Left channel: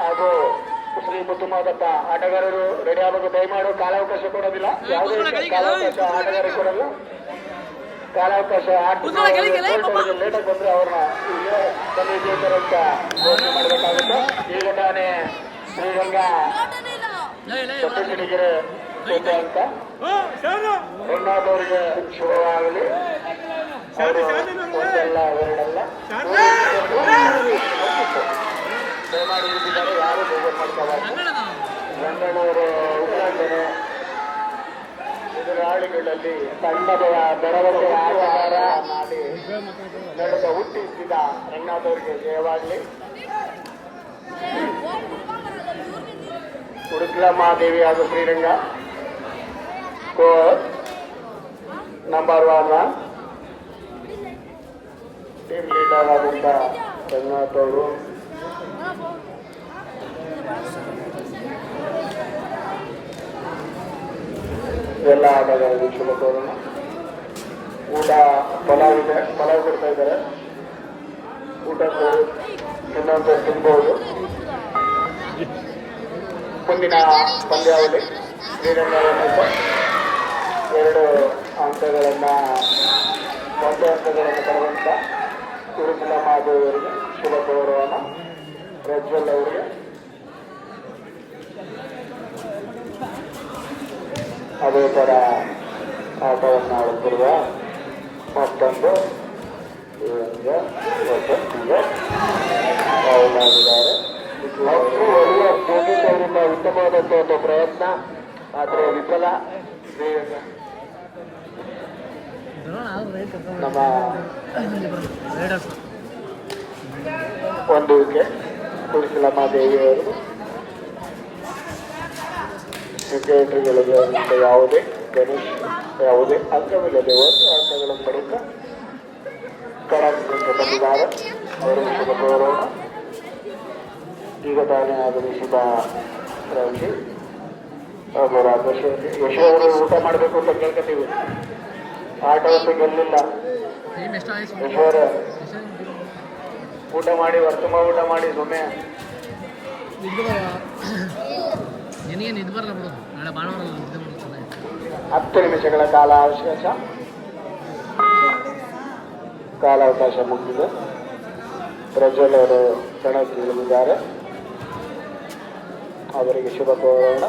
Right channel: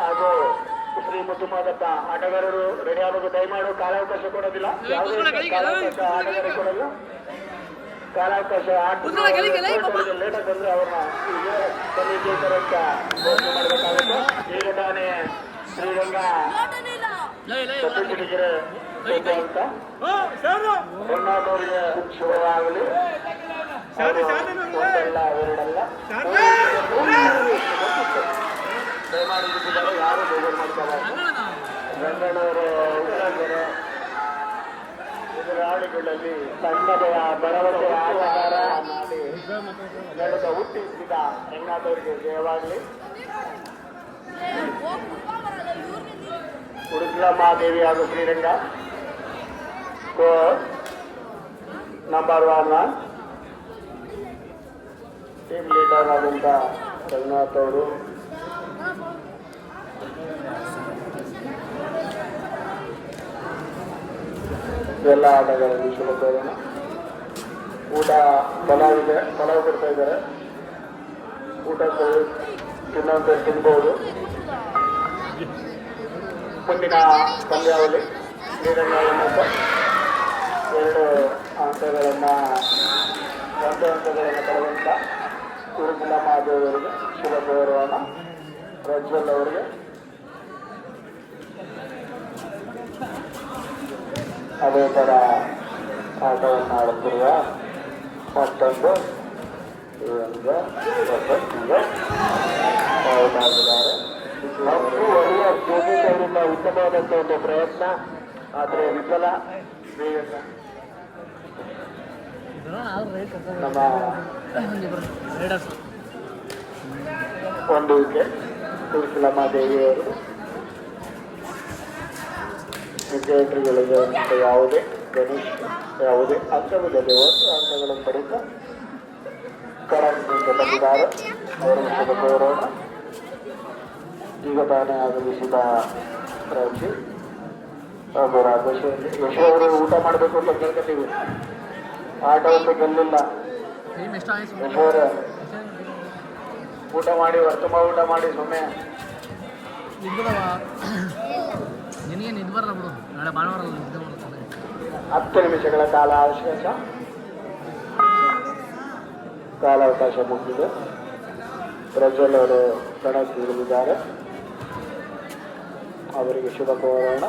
ಹಾಗೂ ಶ್ರೀ ಮುತ್ತುಮಾದಪ್ಪ ಆಟಗಾರರು ರೆಡಿ ಆಗಬೇಕು. ದಯಮಾಡು ಕಾಲಾವಕಾಶ ಕೊಡೋದಿಲ್ಲ, ಯಾವುದೇ ಕಾಲಾವಕಾಶ ಆಟಗಾರರಿಗೆ ಕೊಡಲ್ಲ. ಕಾಲಾವಕಾಶ ಲೇಟಾಗಿ ಬಂದ್ರೆ ಅವ್ರನ್ನ ವಿಜೇತರ ಅಂತ ಘೋಷಣೆ ಮಾಡಬೇಕಾಗುತ್ತೆ. ಈಗ ತಾನೇ ಶ್ರೀರಂಗ ಸಪ್ತಗಿರಿಗೆರೆ ಅಂತ ಹೆಣ್ಣಾದವರಿಗೆ ಶುಭವಾಗಲಿ. ಒಂದಲ್ಲ ಎರಡಲ್ಲ ದಯಮಾಡಿ ಯಾರು ಬೇಗ ಮಾಡ್ಕೋಬಾರ್ದು. ಬೆಂಗಳೂರು ಎದುರಾಳಿಗಳಲ್ಲಿ ಸಣ್ಣದ ಭರವಸೆ ಆಧಾರ ಮಾಡಿ ನಡೆದ ಹುಟ್ಟಿಸಿದ ರಂಗನಾಥವರಿಗೆ ಜಯವಾಗಲಿ. ಉಡುಗ್ಲ ಮಹಾದೇವಿ ಹಾಗೂ ಶ್ರೀರಂಗ ನಂಬರ್ 1 ಟೀಮ್ ಲೀಡರ್ ಆದಂಥ ರಂಗನಾಥ್ ಅವರು ಎಲ್ಲ ಆಟಗಾರರಿಗೆ ಶುಭ ಕೋರೋಣ. ಊಟ ಪಲಾವ್ ಕೊಡ್ತಾ ಇದ್ದಾರೆ. ಊಟ ಇನ್ನೊಂದು ತಿನ್ಬಹುದು. ಮುಂದಿನ ಪಂದ್ಯಾವಳಿ ಶ್ರೀರಂಗ 2 ಅಂಕಗಳನ್ನು 1 ಅಂಕಗಳನ್ನು ಪಡೆದಂಥ ಉಡುಪಿನ ಮಹಾದೇವಿ ಅವರಿಗೆ ಶುಭ ಗೌರವನ. ಪ್ರಜ್ವಲ್ ಅವರಿಗೆ ಅದೇ ಥರ ಆಟವನ್ನು ಆಡುತ್ತಿರುವ ಮತ್ತೊಂದು ಒಳ್ಳೆಯ ಸ್ಟೇಜಿಂದ ಉತ್ತಮವಾದಂಥ ಒಂದು ಪ್ರಯತ್ನ, ಆದರೆ ವಿಫಲ. ನಮ್ಮ ಒಂದು ವಿಕೆಟ್ ತುಳಸಿಲಮ್ಮಾದೇವಿಯವರು ವಿಕೆಟ್ಗಳಿಗೆ ಯಾವುದೇ ಗಣೇಶ್ ಯಾವುದೇ ಅಂಕವಿಲ್ಲದೆ 1 ಅಂಕಗಳನ್ನು ಪಡೆಯುತ್ತಾ ಕಡಾಕಿನಿಂದ ಬಂದಿದ್ದಾರೆ. ಅವರಿಗೆ ಗೌರವ. ಈಗ ತಾನೇ ಆಗಮಿಸಿದ ರಾಜಿ ಹಾಗೂ ರಾಜೇಶ್ ಯಶೋವರು ಊಟ ಮಾಡಬೇಕು ಅಂತ ಕೇಳ್ಕೊತೀವಿ. ಆಟವನ್ನು ಗೆಲ್ಲಿಲ್ಲ. ಯಶೋರ ಊಟ ಮಾಡಿ ವರ್ತಮ ಊಟ ಮಾಡಿ ಸುಮ್ಮನೆ 10 ನಿಮಿಷಗಳ ಕಾಲಾವಕಾಶ ಮುಗಿದಿದೆ. ಪ್ರಜ್ವಲ್ ಅವರು ಕಣಕ್ಕಿಳಿದಿದ್ದಾರೆ. ಅವರಿಗೆ ಶುಭ ಕೋರೋಣ.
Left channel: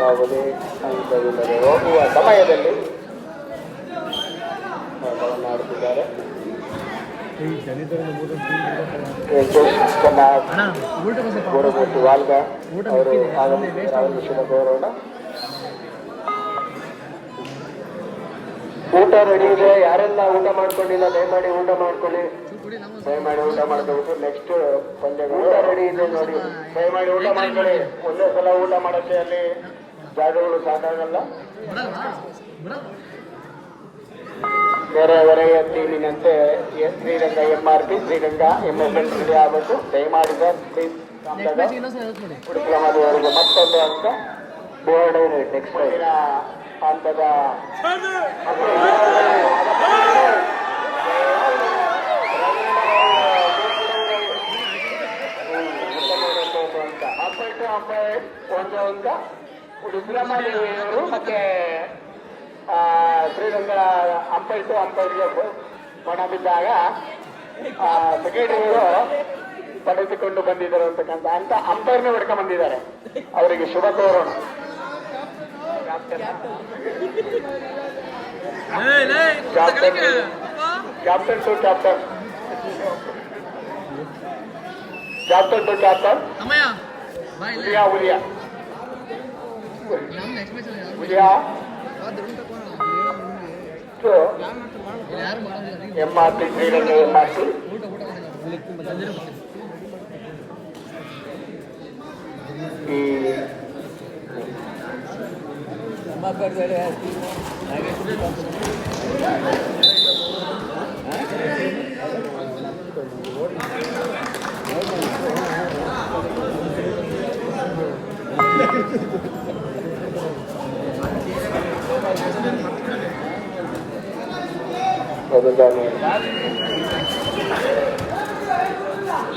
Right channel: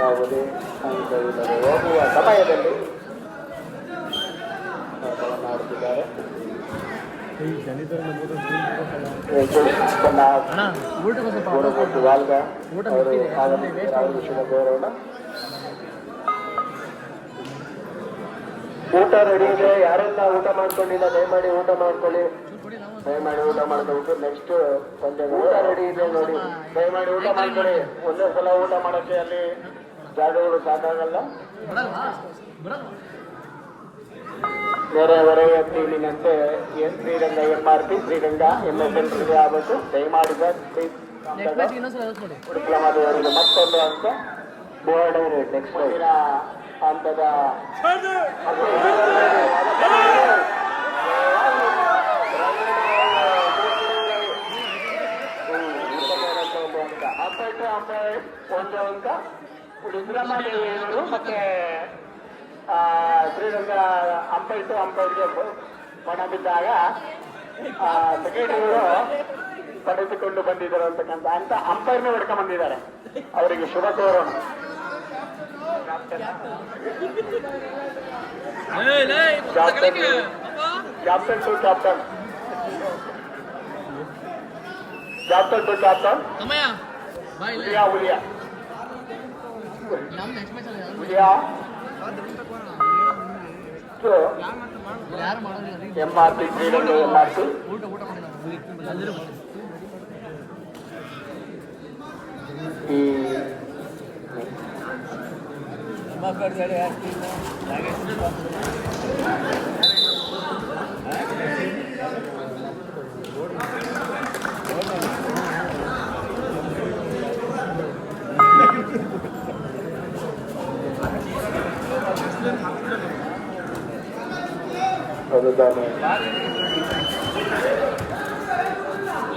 ಯಾವುದೇ ಅಂಕವಿಲ್ಲದೆ ಹೋಗುವ ಸಮಯದಲ್ಲಿ ಆಟವನ್ನು ಆಡುತ್ತಿದ್ದಾರೆ. ವಾಲ್ಗ ಅವರು ಆಗಮಿಸಿದ್ದಾರೆ. ಶುಭ ಕೋರೋಣ. ಊಟ ರೆಡಿ ಇದೆ. ಯಾರೆಲ್ಲ ಊಟ ಮಾಡ್ಕೊಂಡಿಲ್ಲ ದಯಮಾಡಿ ಊಟ ಮಾಡ್ಕೊಳ್ಳಿ. ದಯಮಾಡಿ ಊಟ ಮಾಡ್ಕೊಬೇಕು. ನೆಕ್ಸ್ಟ್ ಪಂದ್ಯ ಊಟ ರೆಡಿ ಇದೆ ನೋಡಿ. ದಯಮಾಡಿ ಊಟ ಮಾಡ್ಕೊಳ್ಳಿ. ಒಂದೇ ಸಲ ಊಟ ಮಾಡೋಕ್ಕೆ ಅಲ್ಲಿ ಜಾಗಗಳು ಸಾಕಾಗಲ್ಲ. ಬೇರೆ ಹೊರಗೆ ಟೀಮಿನಂತೆ ಶ್ರೀರಂಗ MRP ಶ್ರೀರಂಗ MSN ಆಗಬೇಕು. ದಯಮಾಡಿ ಅವರಿಗೆ ಮತ್ತೊಂದು ಅಂಕ ಬೋರ್ಡ್ ನೆಕ್ಸ್ಟ್ ಹಂತದ ಒಂದು ಅಂಕ ರುದ್ರಮಾದೇವಿಯವರು ಮತ್ತೆ ಶ್ರೀರಂಗ ಅಂಪೈರ್ಗೆ ಬಣ ಬಿದ್ದಾಗ ಸೆಕ್ರೆಟರಿಗಳು ಪಡೆದುಕೊಂಡು ಬಂದಿದ್ದಾರೆ ಅಂತಕ್ಕಂಥ ಅಂತ ಅಂಪೈರ್ನೇ ಹೊಡ್ಕೊಂಡು ಬಂದಿದ್ದಾರೆ. ಅವರಿಗೆ ಶುಭ ಕೋರೋಣ. ಕ್ಯಾಪ್ಟನ್ ಟು ಕ್ಯಾಪ್ಟನ್ ಉಲಿಯಾ MRP ಶ್ರೀರಂಗ MRP ಈ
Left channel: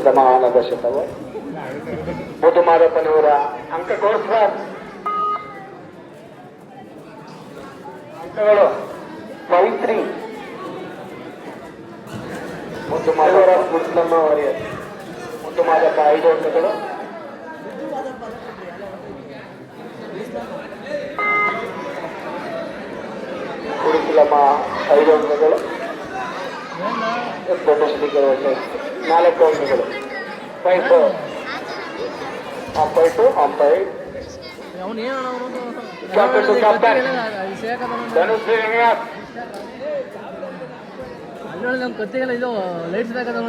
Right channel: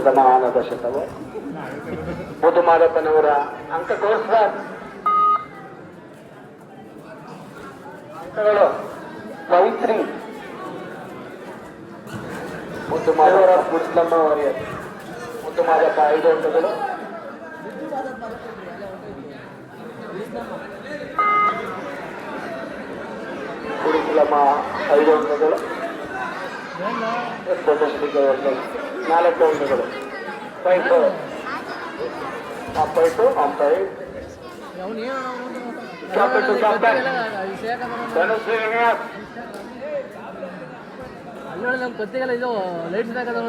ಶತಮಾನದ ಶತವ ಮುದುಮಾದಪ್ಪನವರ ಅಂಕ ತೋರಿಸ ಅಂಕಗಳು ಪವಿತ್ರಿ ಮುದುಮಾದವರ ಮುಸ್ಲಮ್ಮ ವಾರಿಯರ್ ಮುದುಮಾದಪ್ಪ 5 ಅಂಕಗಳು ಕುಡಿಸಲಮ್ಮ 5 ಅಂಕಗಳು ಪ್ರದರ್ಶನಿಗೆ 4 ಅಂಕಗಳು 5 umpire captain to captain Dhanush Srinivas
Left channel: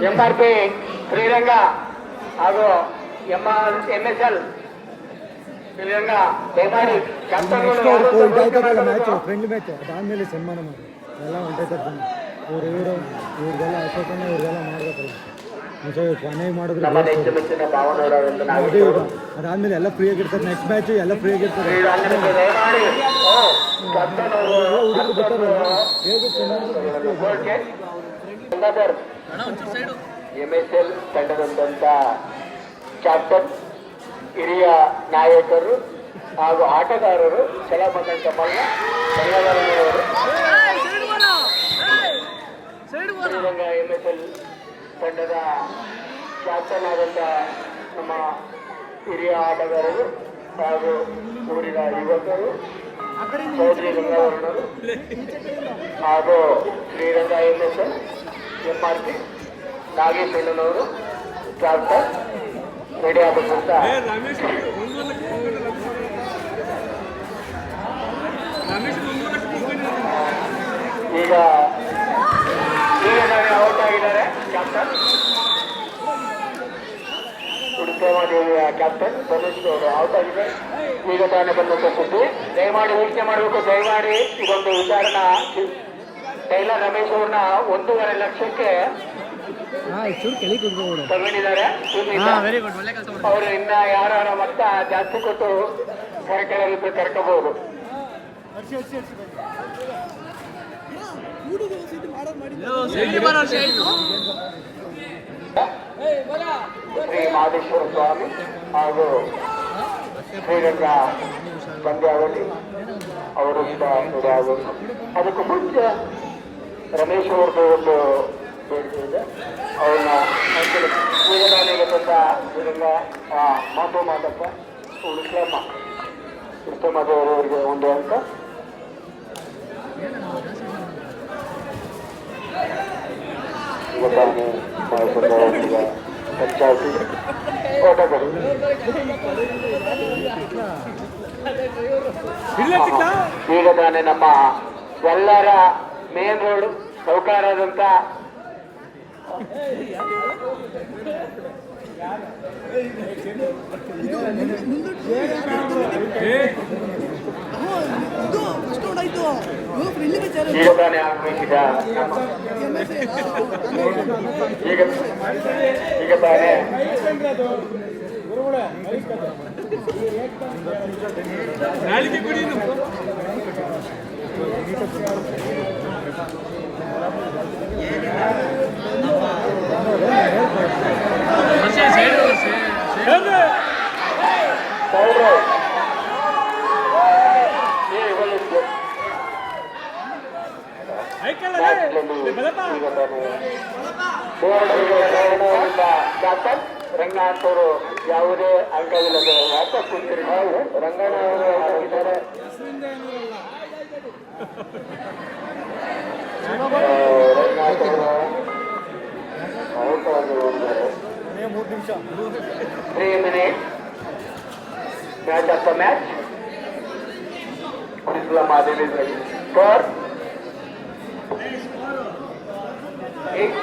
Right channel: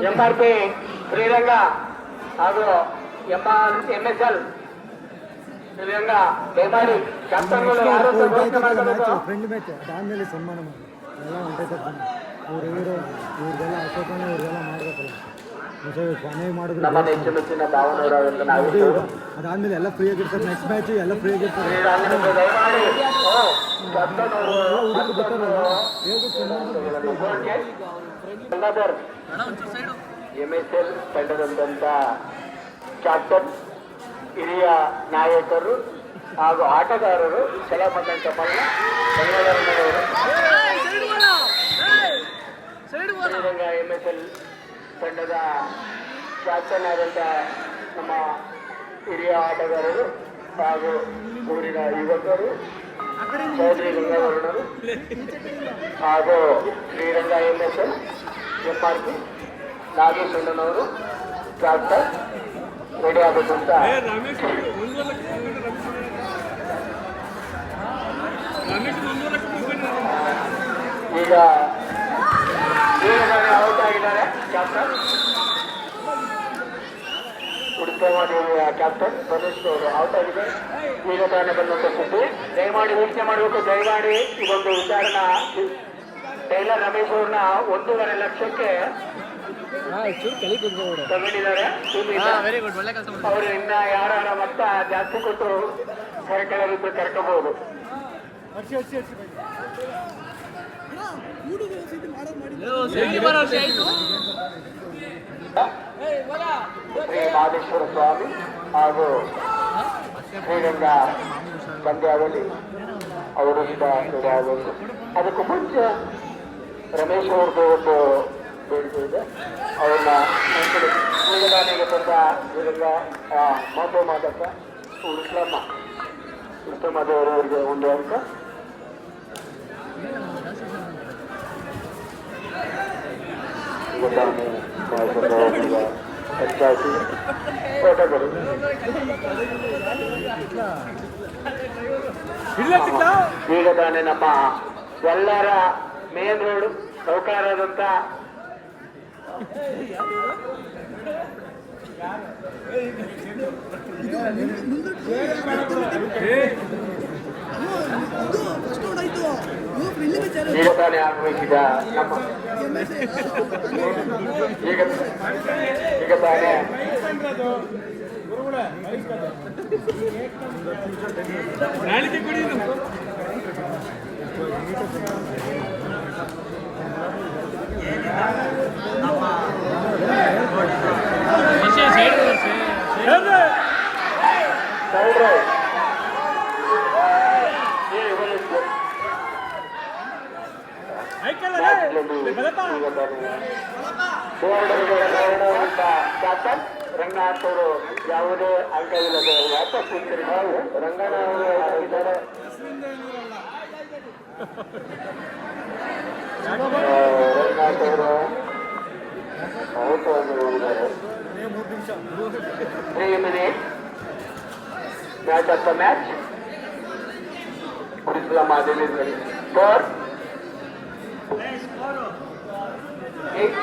MRP Sriranga ಹಾಗೂ ಎಂಎಸ್ಎಲ್ ಶ್ರೀರಂಗ ದಯಮಾಡಿ ಕ್ಯಾಪ್ಟನ್ಗಳು ಫ್ರೆಂಡ್ ಮ್ಯಾಚ್ ಅದಾದ್ಮೇಲೆ ಸನ್ಮಾನ ಮಾಡಿ ಎಲ್ಲ ಹೊಂಟೈತಾರೆ ಇವ್ರಿಗೆಲ್ಲ ಅಶೋಕನ ಇವ್ರಿಗೆಲ್ಲ ಮಾಡ್ಬೇಕಲ್ಲ ಚೆನ್ನಾಗಿ ಮಾಡಿದ್ರು ಅದಾದ್ಮೇಲೆ ಎಲ್ಲ ಫ್ರೀ ಆಗಿರ್ತಾರೆ ನೆಕ್ಸ್ಟ್ ಮ್ಯಾಚ್ ಎಲ್ಲ ಫ್ರೀ ಆಗಿರ್ತಾರೆ ಎಂಎಸ್ಎಲ್ ತಂಡದಂತ ಕ್ಯಾಪ್ಟನ್ ಹಿರಿಯ ನಾಯಕರು ಹಾಗೂ ಆಟಗಾರರು ಚಲಮಂಡಲ ಮಲ್ಲ ಧನ್ಯವಾದಗಳು. ಶ್ರೀರಂಗ ಎಂಎಸ್ಎಲ್ ತಂಡದ ಕ್ಯಾಪ್ಟನ್ ಆದಂಥ ನಮ್ಮ ಹಿರಿಯ ಆಟಗಾರರು ಹಾಗೂ ಊರಿನ ಯುವಕರು ಚೌಧರಿ ಗಂಗಾವರಣರು ಹಾಗೂ Sriranga MSL MRP ನಾಗೇಶಣ್ಣನವರು captain ready ಆಗಬೇಕು ಅಂತ ಈಗ ಔಟ್ ಆಗಿದ್ದಾರೆ ಕ್ಯಾಪ್ಟನ್ ಉಡುಪದೇವಿಯ ಕ್ಯಾಪ್ಟನ್ ಧನುಷ್ ಅವರು ಔಟ್ ಆಗಿದೆ. ಈಗ ತಾನೇ ಬಂದಂತ ಸುದ್ದಿ ದಯಮಾಡಿ ಊಹಿಕೆ ಮಾಡಬೇಕು. ದಯಮಾಡಿ ಇದೊಂದು ಉದಾಹರಣೆ ಟೈಲರ್ ರಮೇಶ್ ಅವ್ರನ್ನ 1.5 ಲಕ್ಷಕ್ಕೆ ತಗೊಂಡಿದ್ದಾರೆ. ಅವರು ಇನ್ನ ಯಾರ ಮೊತ್ತ ಜಾಸ್ತಿ ಕೊಟ್ಟು ಕರೆಕ್ಟಾಗಿ ಕರ್ಕೋಬಹುದು. ಶ್ರೀ ಮಾದೇಶ್ವರ ಸ್ವಾಮಿ ಹಾಗೂ ಶ್ರೀರಂಗ ಪಂದ್ಯಾವಳಿ ಅವರು ಆಗೋದು. ಅದಕ್ಕೂ ಮುಂಚೆ ರಮೇಶ್ ಅವ್ರದ್ದು ಒಂದು ಬೇಡಿಕೆ ಇದೆ. ಅವ್ರನ್ನ ಪೂಜಾರಿಗೆ ಬಂದ ಶ್ರೀರಂಗ ಮಾದಪ್ಪ ಉತ್ತಮದವರವರಿಗೆ 1 ಅಂಕ. ಪಂಚಾಯತಿ ಓಟಗಳು ಈಗ ತಾನೇ ನಮ್ಮ ಎಲ್ಲರ ಮೇನ್ ರೋಡ್ ಸೌಕಾರದಂತ ಈಗ ತಾನೇ ಆಗಬೇಕಿದ ಈಗ ತಾನೇ ಕ್ಯಾಪ್ಟನ್ ರಂಗನಾಥ್ ಅವರು ಯಾವುದೇ ಅಂಕವಿಲ್ಲದೆ ಯಾಕೆ ಕುಂತಿರಿ ನಾವು ರಂಗನಾಥ್ ಆಗಿದ್ದಾರೆ. ರಂಗನಾಥ್ ಅವರು 3 minutes match of the match. Islam Adil is ready. Score 8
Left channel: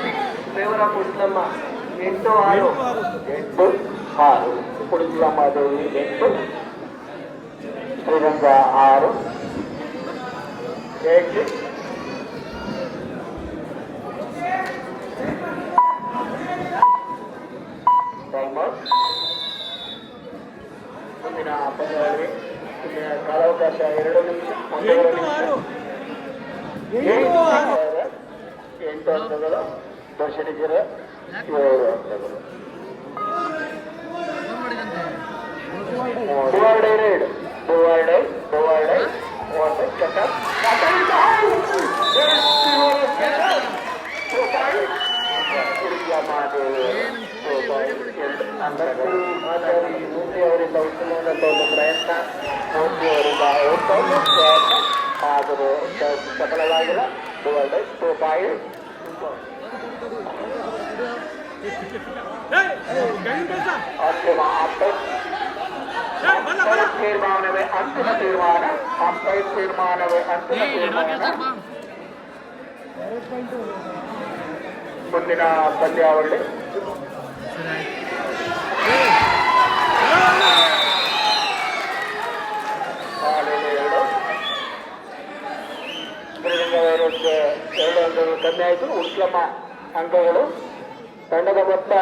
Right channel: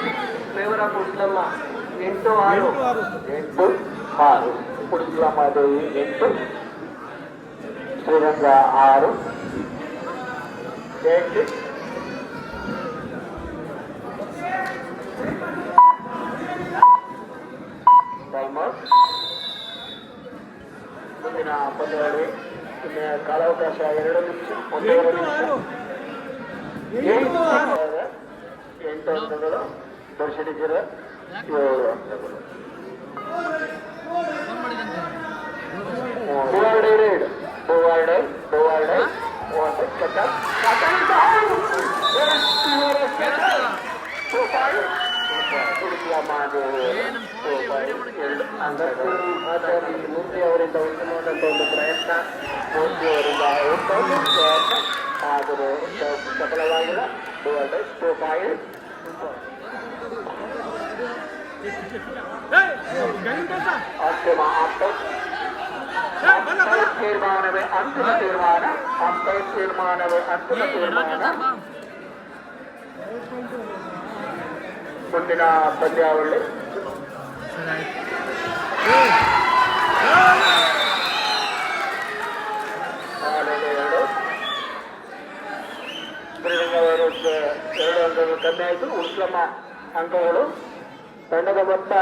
favor of Islam 8-6 Islam Adil 8 Sriranga 6 8 timer. ಮುಂದಿನ ಪಂದ್ಯಾವಳಿ ಕಾಲಾವಕಾಶ 2 ನಿಮಿಷ 8 ಅಂಕಗಳು ದರ್ಶನಿಗರ 7 ಅಂಕಗಳು. ರೈಡ್ ಮೂರ್ತಿ ಅವರಿಂದ ಉತ್ತಮವಾದಂಥ ಒಂದು ಪ್ರಯತ್ನ ಮೂರ್ತಿ ಅವರಿಂದ ಆದರೆ ಸಫಲವಾಗಿಲ್ಲ. ತೀರ್ಮಾನವೇ ಅಂತಿಮ ತೀರ್ಮಾನ. ತೀರ್ಮಾನವೇ ಅಂತಿಮ ತೀರ್ಮಾನ. ಮುಂದಿನ ಪಂದ್ಯಾವಳಿ ವೈರಸ್ 2 ಅಂಕಗಳು ಕಮ್ಮಿ ಆಯಿತು. ಉತ್ತಮ ಅಂಕಗಳು. ತಂಡದ ಮೊತ್ತ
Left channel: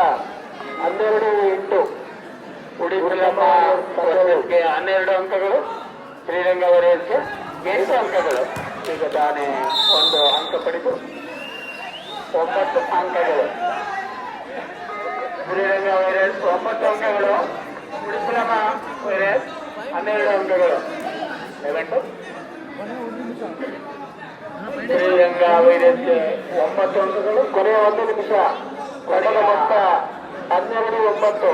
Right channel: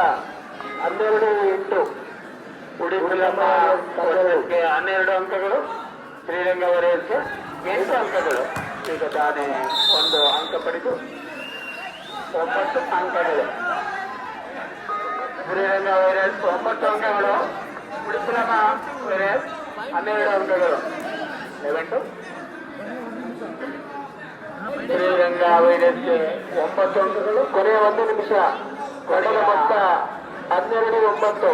12-8. ಉಳಿದ 12 ಅಂಕಗಳು. ಶ್ರೀರಂಗ ವೈರಸ್ಗೆ 8 ಅಂಕಗಳು. ಈಗ ತಾನೇ 1 ಅಂಕ ಪಡೆದು 9 ಅಂಕಗಳು. ಶ್ರೀರಂಗ ವೈರಸ್ 9 ಅಂಕಗಳು. ಉಳಿದ ವೈರಸ್ 12 ಅಂಕಗಳು. ಶ್ರೀರಂಗ ವೈರಸ್ಗೆ 9 ಅಂಕಗಳು. ಕೊನೆಯ 1 ನಿಮಿಷ. ತಂಡದ ಮೊತ್ತ 12-9.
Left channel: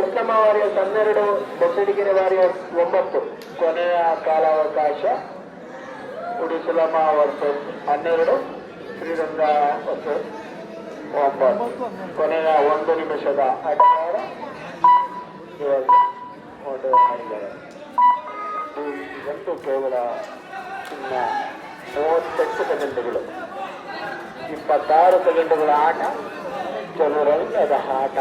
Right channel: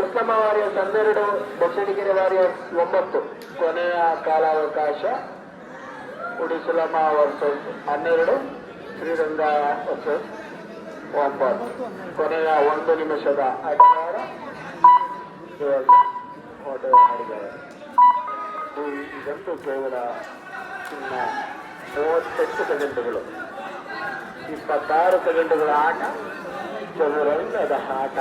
ಉತ್ತಮ ವಾರಿಯರ್ಸ್ 12, ಬೆಟ್ಟಡಿಗೆರೆ ವಾರಿಯರ್ಸ್ 9. ಕೊನೆಯ ಕಾಲಾವಕಾಶ ಉಡಿಸಲಮ್ಮ ವರ್ಸಸ್ 12, ಶ್ರೀರಂಗ ವರ್ಸಸ್ 9. ಕೊನೆಯ 1 ನಿಮಿಷದ ಅಧಿಕಾರ ಇದಂತೂ ಕೇವಲ ಇನ್ನ 38 ಸೆಕೆಂಡುಗಳು. 26 ಸೆಕೆಂಡುಗಳ ಆಟ. ಚದುರಂಗದ ಆಟ.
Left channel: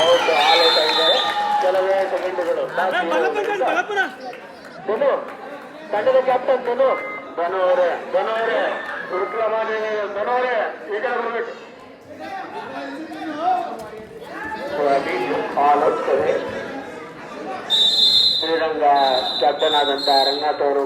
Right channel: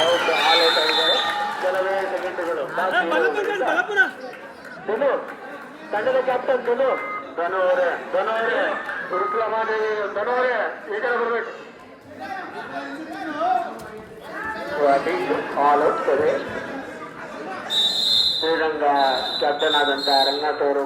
ಆಲೋಟ ಇದ್ದಾರೆ. ಕೆಲವೇ ಸೆಕೆಂಡುಗಳು. ಧನು, ತಂಡದ ಕ್ಯಾಪ್ಟನ್ ಧನು ಅವರೇ ಉರುಕ್ಲ ಮಾಡಿ. ಧನು ಅವರೇ ಈಗ ಬರಬೇಕು. ಶ್ರೀರಂಗ ಕ್ಯಾಪ್ಟನ್ ಆದಂತಹ ರಂಗನಾಥ್ ಅವರು